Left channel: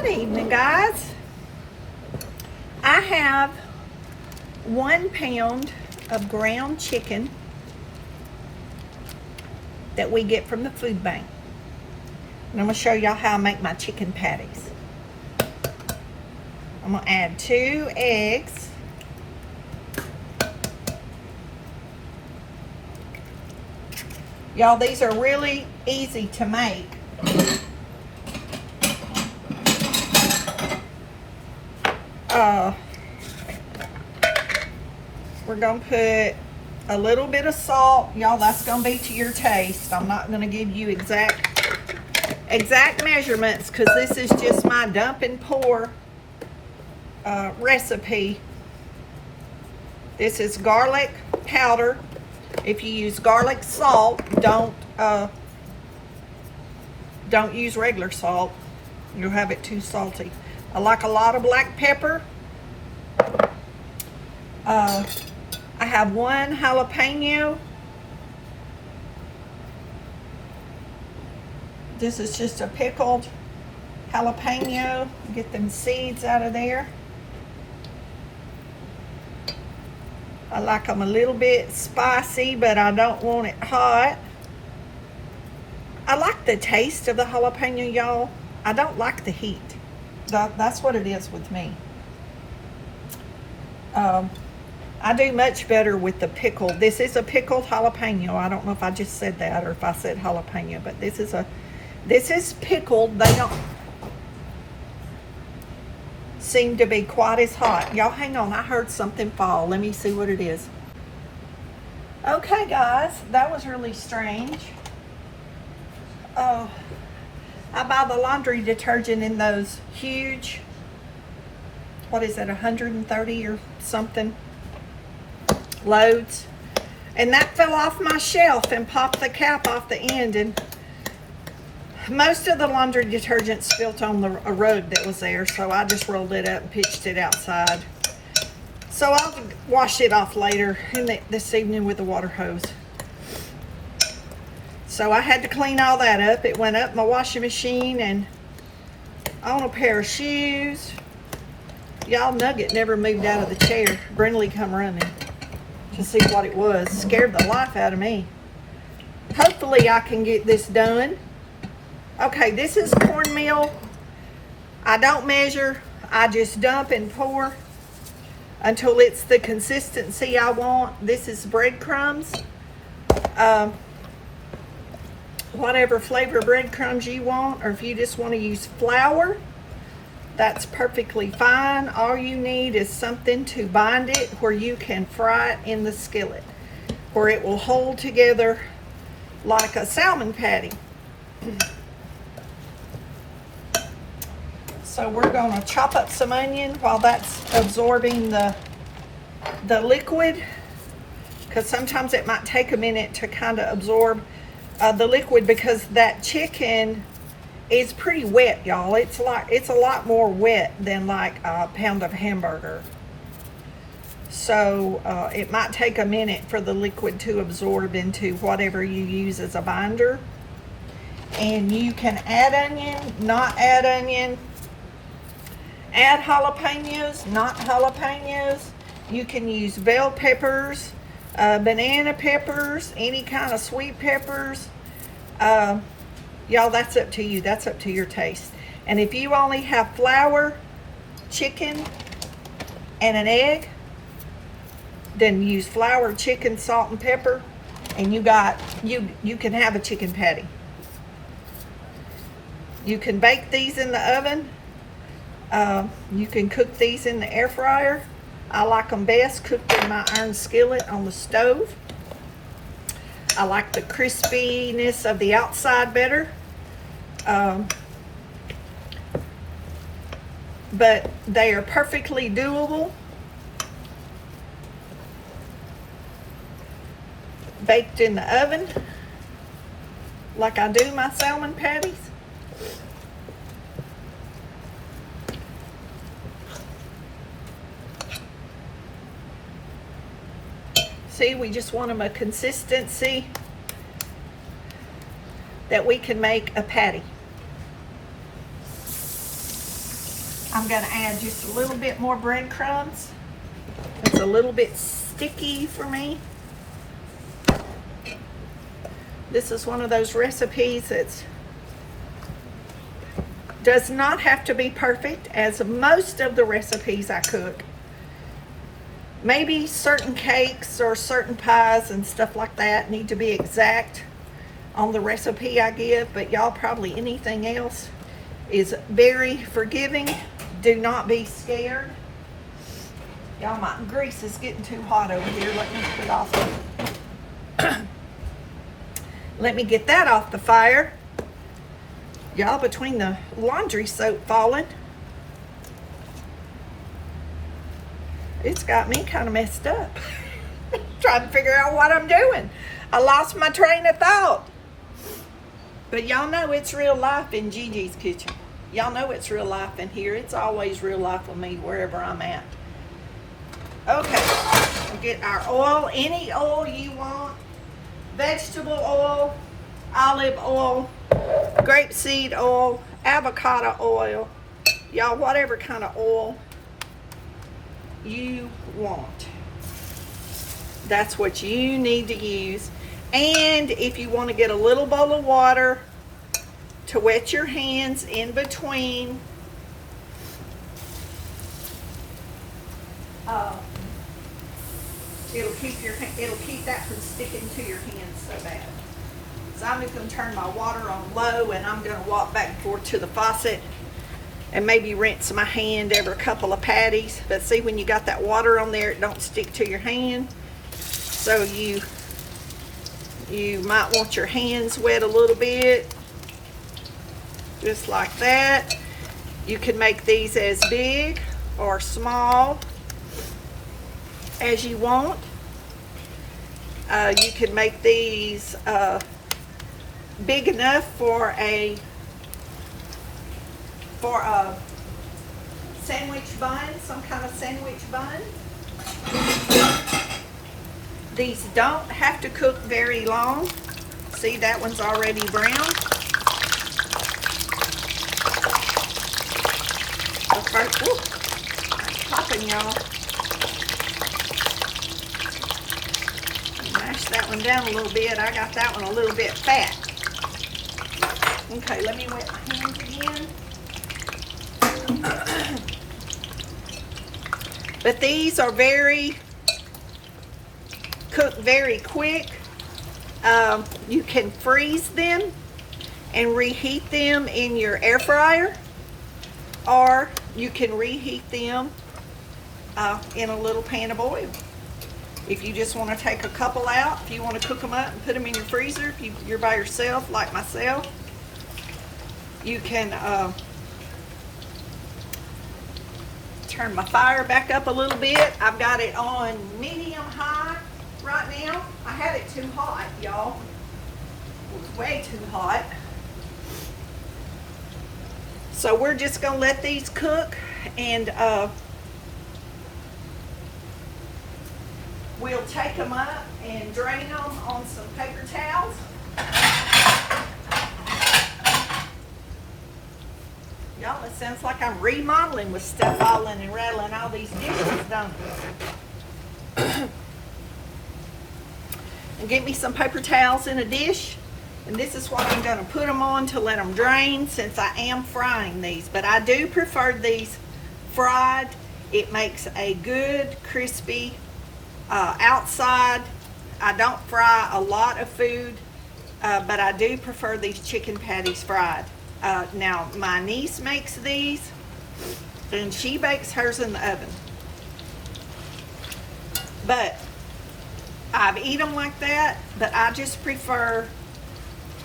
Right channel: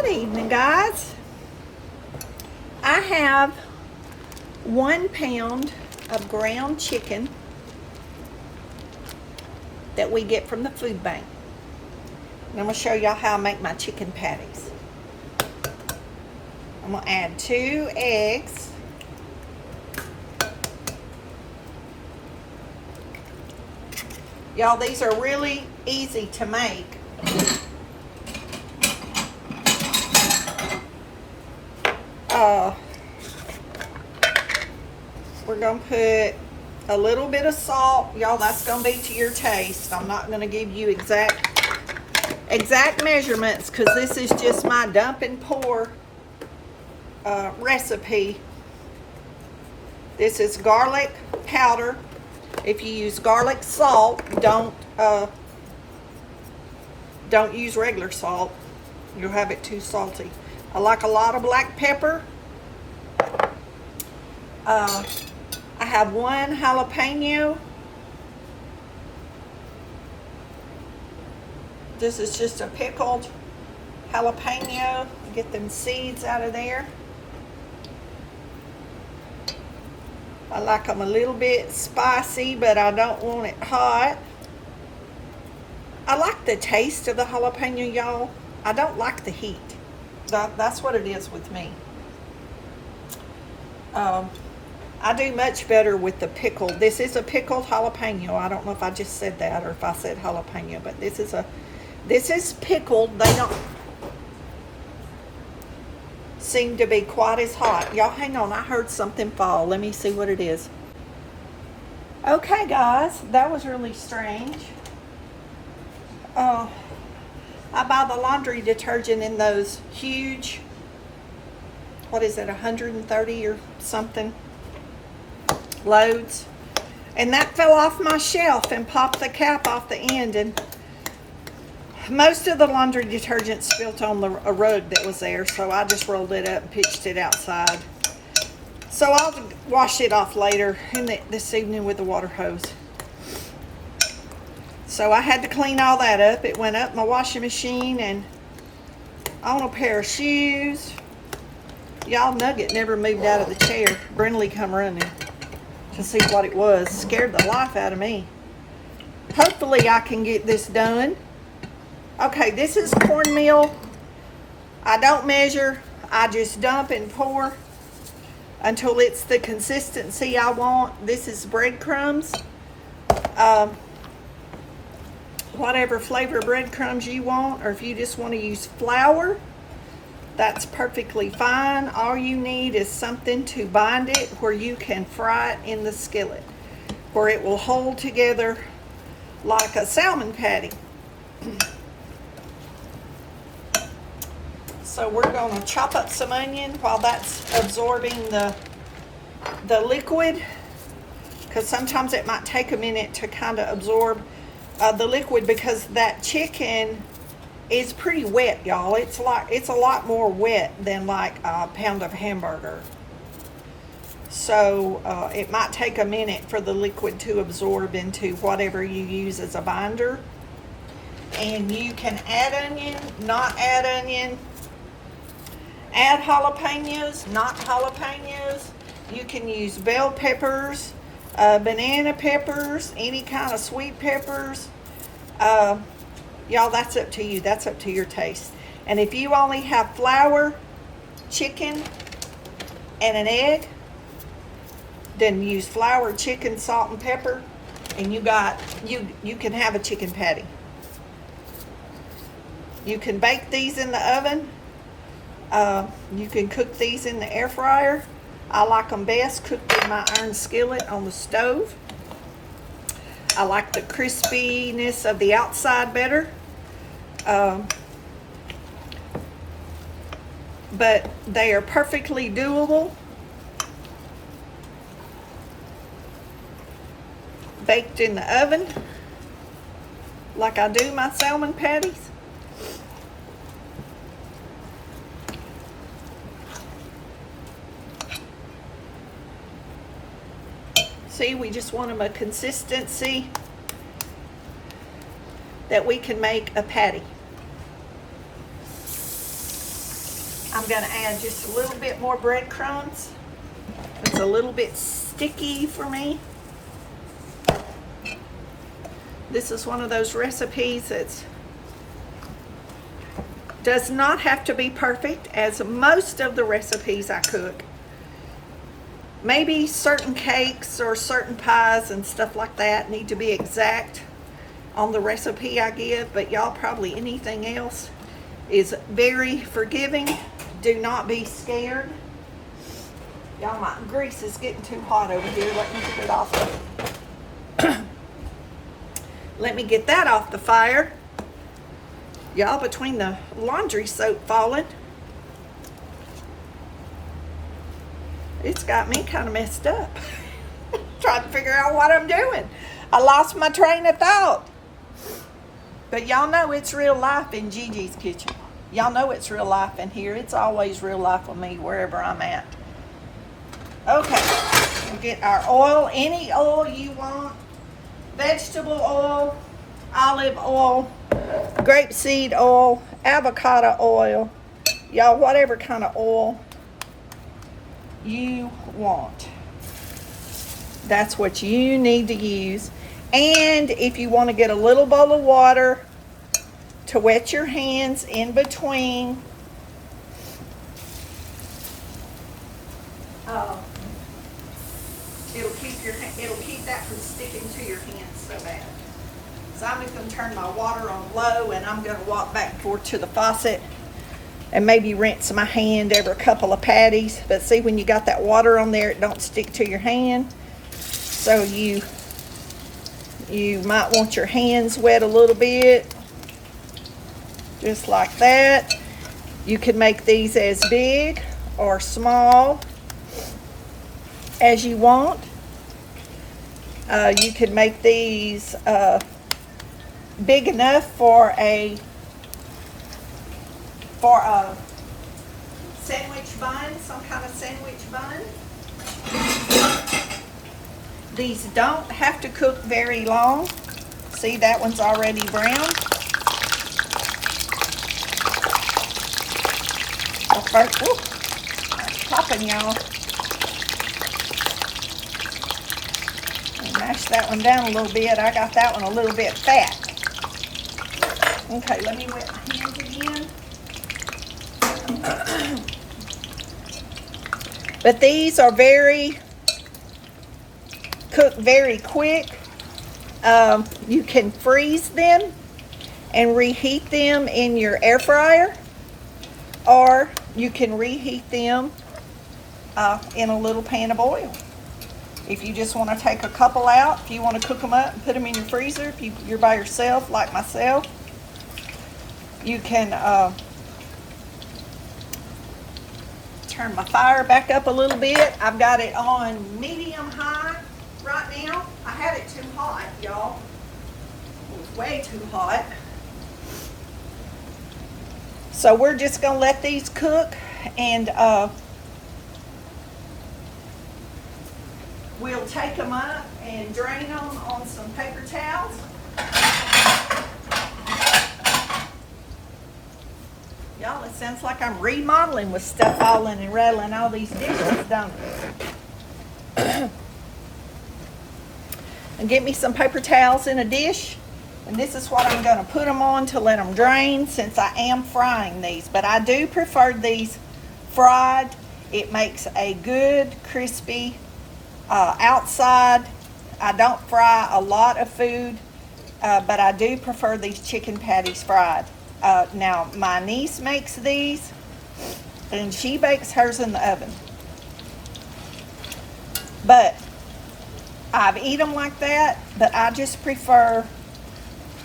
Good evening, guys. I have 1 pound of ground chicken that we get from the food bank. And I'm going to show y'all how I make my chicken patties. I'm going to add 2 eggs. Y'all, these are really easy to make. We're going to put a little bit of salt. Y'all, that's going to be to your taste. I'm not going to give you exact measurements because this is just my dump and pour recipe. This is garlic powder. If you use garlic salt, don't use regular salt. You'll have it too salty. I like a lot of black pepper. I have 1 jalapeno. This is just a pickled jalapeno. Get them seeds out of there. I like them a little bit spicy, but I don't want it hot. I like the taste of the jalapeno, y'all. I don't like the heat. That's what it is with me. I do much better with the pickled. This is a pickled jalapeno. I don't know if I just said that or if I said jalapeno, but this is pickled. They don't seem to be quite as hot. Y'all hang on, I heard something fall. Let me see what it is. Okay, guys, that was really strange. I buy the laundry detergent in those huge, what is it, 130 or something loads, and that fell off my shelf and popped the cap off the end, and most of the laundry detergent spilt on a rug that was there, so I just rolled it up and pitched it outside. So I'll wash it off later this evening with the water hose. So I had to clean all that up. It went up my washing machine and on a pair of shoes. Y'all, Nugget never moved out of the chair. Brindley come running to see what it was. Scared the life out of me. Hopefully I can get this done. Okay, this is cornmeal. I don't measure. I just dump and pour until it's the consistency I want. This is breadcrumbs. Whatever flavor breadcrumbs you want, or if you just want to use flour, that's perfectly fine. All you need is something to bind it where you can fry it in the skillet, where it will hold together like a salmon patty. So we're going to chop up some onion while that's absorbing the liquid, because sometimes it might take a minute to kind of absorb the liquid, because that chicken is pretty wet, y'all. It's a lot more wet than like a pound of hamburger. So it might take a minute for the liquid to absorb into whatever you use as a binder. And you can add onion, not add onion, add jalapenos, not jalapenos. You can use bell peppers, banana peppers, any kind of sweet peppers. Y'all, that's up to you. That's up to your taste. And if you only have flour, chicken, and an egg, then use flour, chicken, salt, and pepper, and you can have a chicken patty. You can bake these in the oven. You can cook these in the air fryer. I like them best cooked in my iron skillet on the stove. I like the crispiness of the outside better. But they are perfectly doable. Baked in the oven like I do my salmon patties. See, we just want them a consistency that we can make a patty. I'm going to add just a little bit more breadcrumbs. It's a little bit sticky for me. This is one of those recipes that does not have to be perfect, as most of the recipes I cook. Maybe certain cakes or certain pies and stuff like that need to be exact on the recipe I give, but y'all, probably anything else is very forgiving. Do not be scared. Y'all, my grease is getting too hot over here. Let me get it off. Let me get that off the fire. Y'all, between the laundry soap falling, it's got me kind of messed up. Trying to figure out what I'm doing. I lost my train of thought. But y'all know it's real life in Gigi's kitchen. Y'all know it's real life in here. It's always real life with me wherever I'm at. Okay, we'll get our oil, any oil you want. Vegetable oil, olive oil, grapeseed oil, avocado oil. Y'all, whatever kind of oil you want, that's what you need to use. And if you want to get a little bowl of water to wet your hands in between, it'll keep that from sticking to your hands so bad. So I'm just going to turn my water on low, and I'm going to walk back and forth to the faucet and maybe rinse my hand every couple of patties. But see, when you got that water on there, it don't stick to your hand. So you might want your hands wet a little bit, just like that. You can make these as big or small as you want. You can make these big enough for a sandwich bun, some kind of sandwich bun. These don't have to cook very long. See, that one's already brown. It's popping, y'all. Mash that one down a little bit. I got that one a little bit fat. Okay, let me wet my hands again. But these are cook very quick. You can freeze them and reheat them in your air fryer, or you can reheat them in a little pan of oil. If you just want to take a couple out, if you want to cook them up and put them in your freezer, if you're by yourself like myself, you can turn my fire back up a little bit. I've got it on medium high right now. I had it too hot, y'all. It was way too hot. So we're just gonna let these cook, and we'll take them up and drain them on some paper towels. Y'all, it sounds like I'm remodeling with stuff falling and rattling all these dishes, don't it? And get me some paper towels in a dish. And this is what I'm going to put them on to let them drain, since I am frying these. But I do prefer these fried. It makes a good crispy outside. I don't fry a lot of food, but I do prefer these chicken patties fried. Now, my niece makes these, and she bakes hers in the oven. But I've eaten them like that, but I just prefer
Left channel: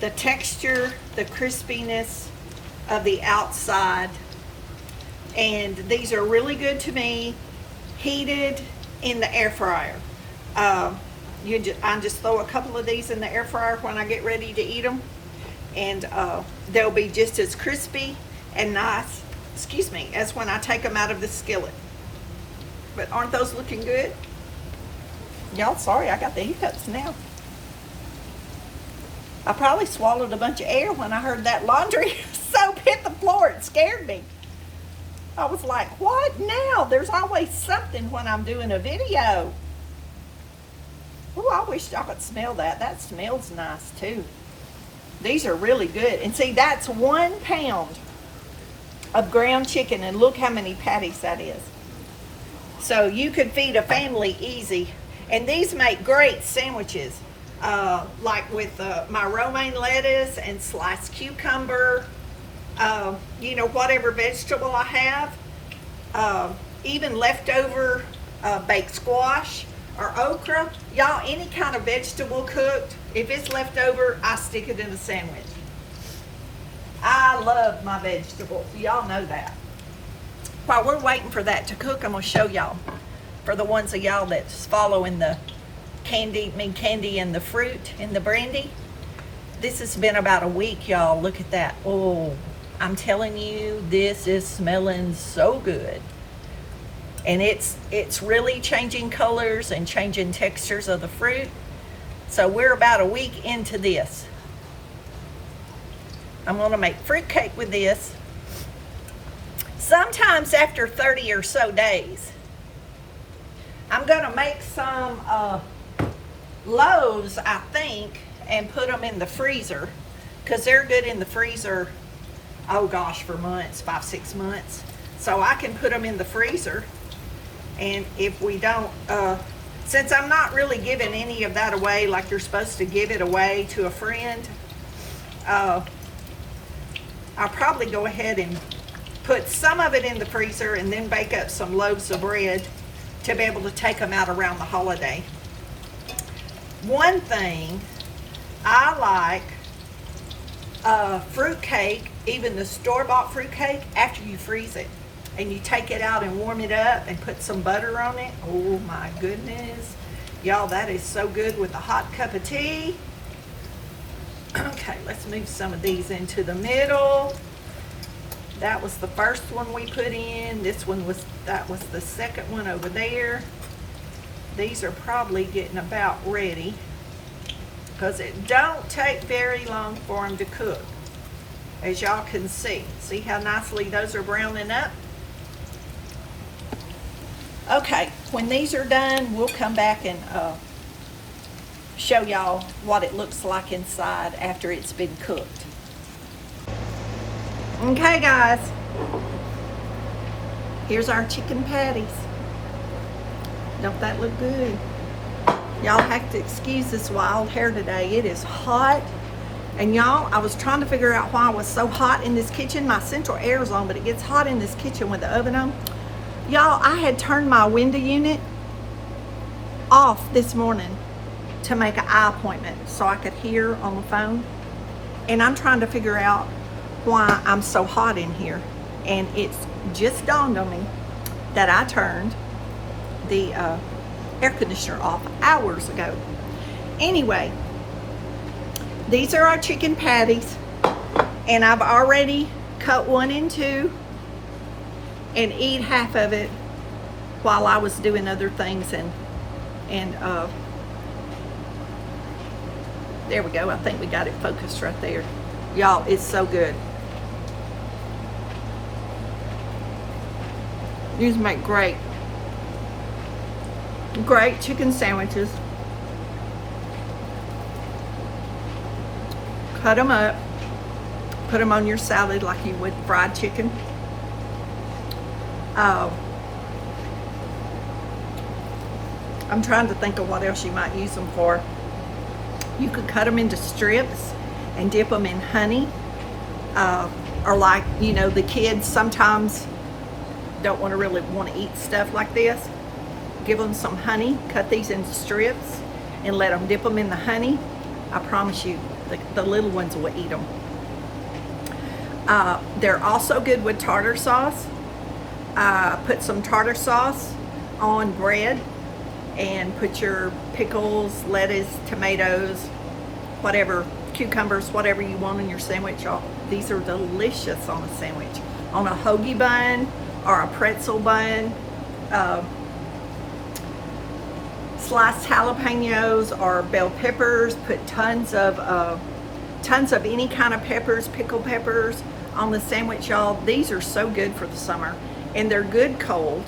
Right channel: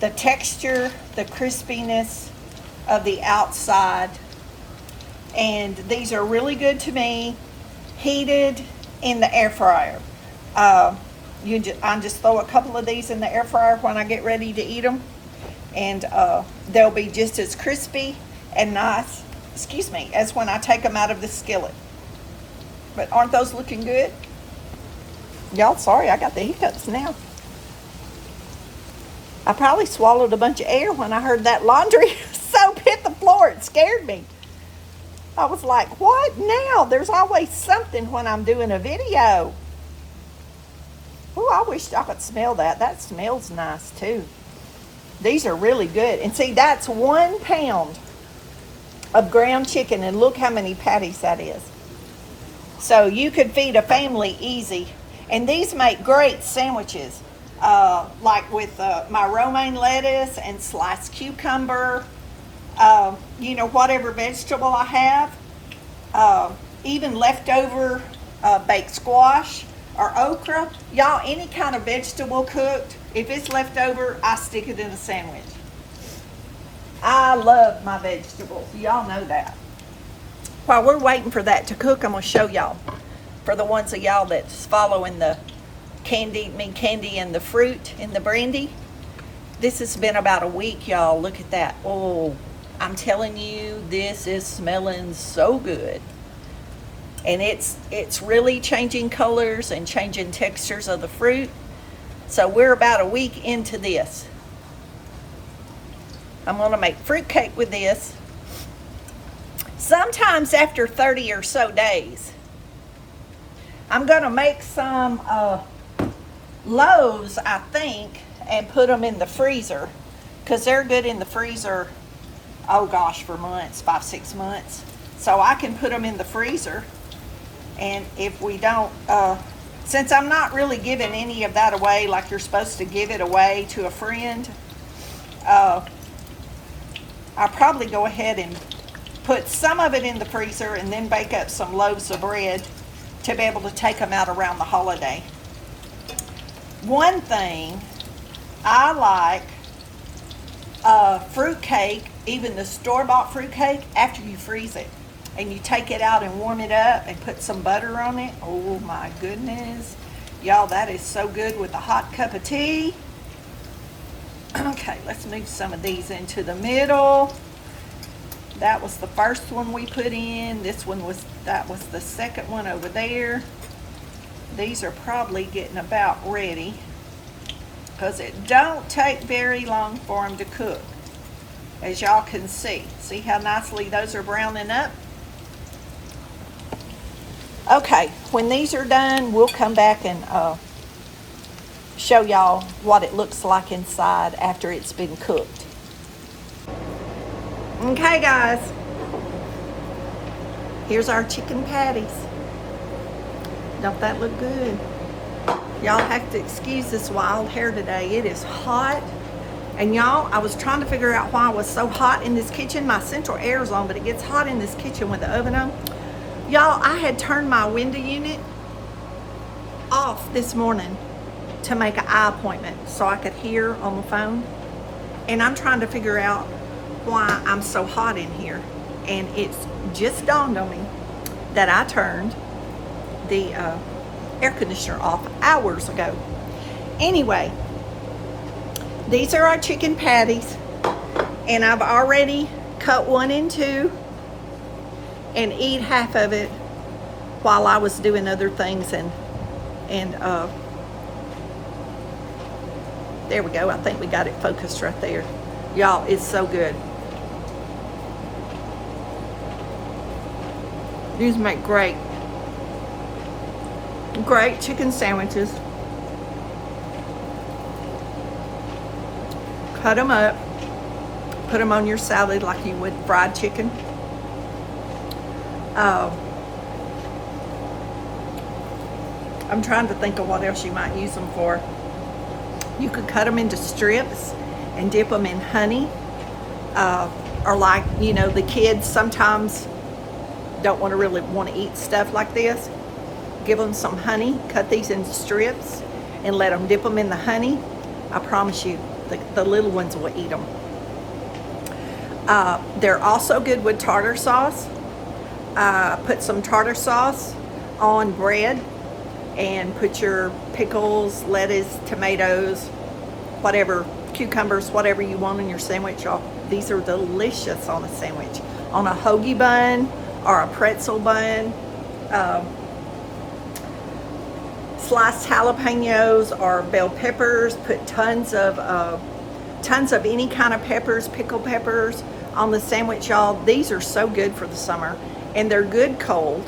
the texture, the crispiness of the outside. And these are really good to me heated in the air fryer. I just throw a couple of these in the air fryer when I get ready to eat them, and they'll be just as crispy and nice, as when I take them out of the skillet. But aren't those looking good? Y'all, sorry, I got the hiccups now. I probably swallowed a bunch of air when I heard that laundry soap hit the floor. It scared me. I was like, what now? There's always something when I'm doing a video. Oh, I wish I could smell that. That smells nice too. These are really good. And see, that's 1 pound of ground chicken, and look how many patties that is. So you could feed a family easy. And these make great sandwiches, like with my romaine lettuce and sliced cucumber, you know, whatever vegetable I have, even leftover baked squash or okra. Y'all, any kind of vegetable cooked, if it's left over, I stick it in a sandwich. I love my vegetables. Y'all know that. While we're waiting for that to cook, I'm going to show y'all. For the ones of y'all that's following the candy and the fruit and the brandy. This has been about a week, y'all. Look at that. Oh, I'm telling you, this is smelling so good. And it's really changing colors and changing textures of the fruit. So we're about a week into this. I'm going to make fruit cake with this. Sometimes after 30 or so days, I'm going to make some loaves, I think, and put them in the freezer, because they're good in the freezer, oh gosh, for months, 5-6 months. So I can put them in the freezer, and if we don't, since I'm not really giving any of that away like you're supposed to give it away to a friend, I'll probably go ahead and put some of it in the freezer and then bake up some loaves of bread to be able to take them out around the holiday. One thing I like, fruit cake, even the store-bought fruit cake, after you freeze it and you take it out and warm it up and put some butter on it. Oh my goodness. Y'all, that is so good with a hot cup of tea. Okay, let's move some of these into the middle. That was the first one we put in. That was the second one over there. These are probably getting about ready, because it don't take very long for them to cook, as y'all can see. See how nicely those are browning up? Okay, when these are done, we'll come back and show y'all what it looks like inside after it's been cooked. Okay guys, here's our chicken patties. Don't that look good? Y'all have to excuse this wild hair today. It is hot. And y'all, I was trying to figure out why it was so hot in this kitchen. My central air is on, but it gets hot in this kitchen with the oven on. Y'all, I had turned my window unit off this morning to make an eye appointment so I could hear on the phone. And I'm trying to figure out why I'm so hot in here. And it's just dawned on me that I turned the air conditioner off hours ago. Anyway, these are our chicken patties, and I've already cut one in two and eat half of it while I was doing other things, and there we go. I think we got it focused right there. Y'all, it's so good. These make great chicken sandwiches. Cut them up, put them on your salad like you would fried chicken. I'm trying to think of what else you might use them for. You could cut them into strips and dip them in honey. Or like, you know, the kids sometimes don't really want to eat stuff like this. Give them some honey, cut these into strips, and let them dip them in the honey. I promise you, the little ones will eat them. They're also good with tartar sauce. Put some tartar sauce on bread and put your pickles, lettuce, tomatoes, whatever, cucumbers, whatever you want in your sandwich. These are delicious on a sandwich. On a hoagie bun or a pretzel bun. Sliced jalapenos or bell peppers. Put tons of any kind of peppers, pickled peppers on the sandwich, y'all. These are so good for the summer. and they're good cold.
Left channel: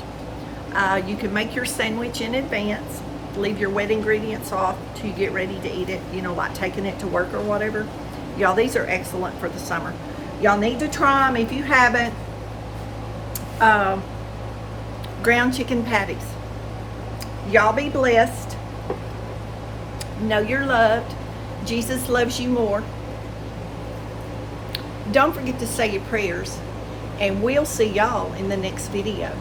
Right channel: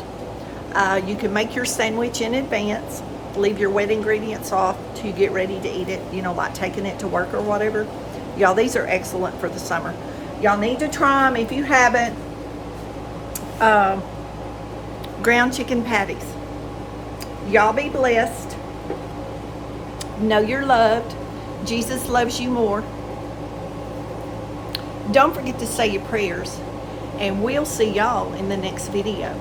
You can make your sandwich in advance, leave your wet ingredients off to get ready to eat it, you know, like taking it to work or whatever. Y'all, these are excellent for the summer. Y'all need to try them if you haven't. Ground chicken patties. Y'all be blessed. Know you're loved. Jesus loves you more. Don't forget to say your prayers, and we'll see y'all in the next video.